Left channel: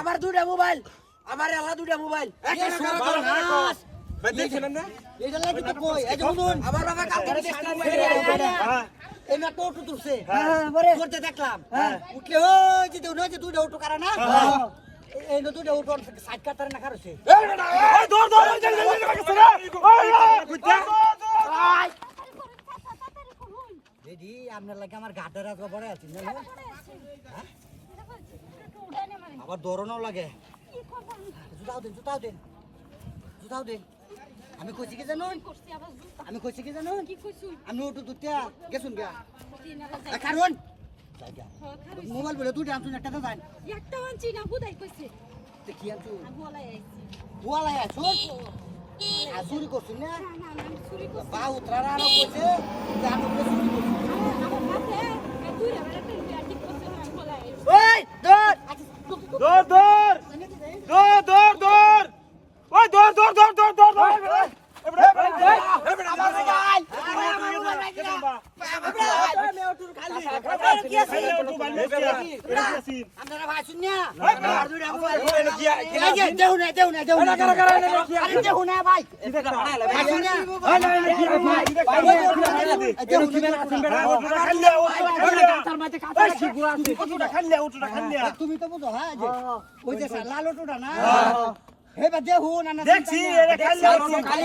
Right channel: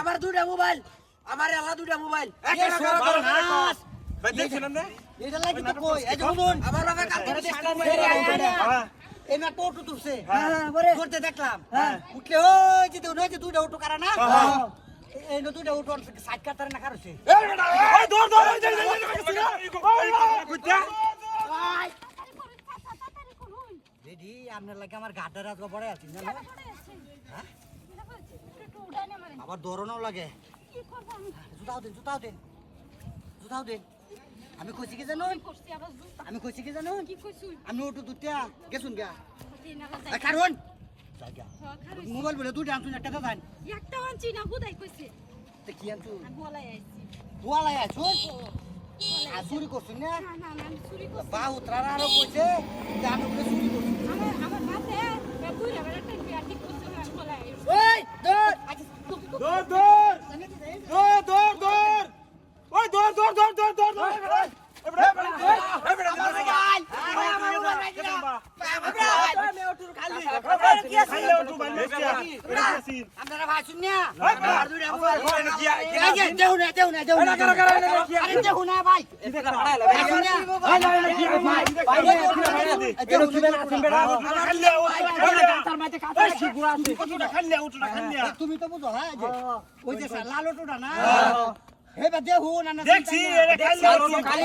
আমার দুটা মোবাইল আমার আলা দুটা মোবাইল দেখছিলাম না এটা লাগি তো কই এই যে শুনুন আমার বাবা কালকে দেখলাম এই না টোটো তুলছে পরে করতে দেখলাম উঠলে ওই যে দুটা অটো কারা না এই না দুটা অটো সাইড কাটার না কারছে এই দৌড় দিদি আপনার লাগে আমার গাড্ডা রাত বড় আছে জানো হ্যাঁ আবার দৌড়ানো লাগে জুতাও দেন আমি কইছি কি জানো আমি ওটু দুটা গেছুন গা কারণ মোবাইল বলে দুটা আনছুন একটা দেন একটা আনছি না হুদাই কইছে তে কি আনছু বলাই আইছি চুরি করছুন না না আমি চুরি করছি বা উতরারা আরো কইছে যে আমি বলে চুরি করছি আমার হাতে দুইটা বেলা টেন ঠিক করতে আমি বলাই আইছি ওই দৌড় তুমি তো বুঝো হ্যাঁ ওই যে লাল অটোটা না হেবা দেহু না দেখছি এটা খালি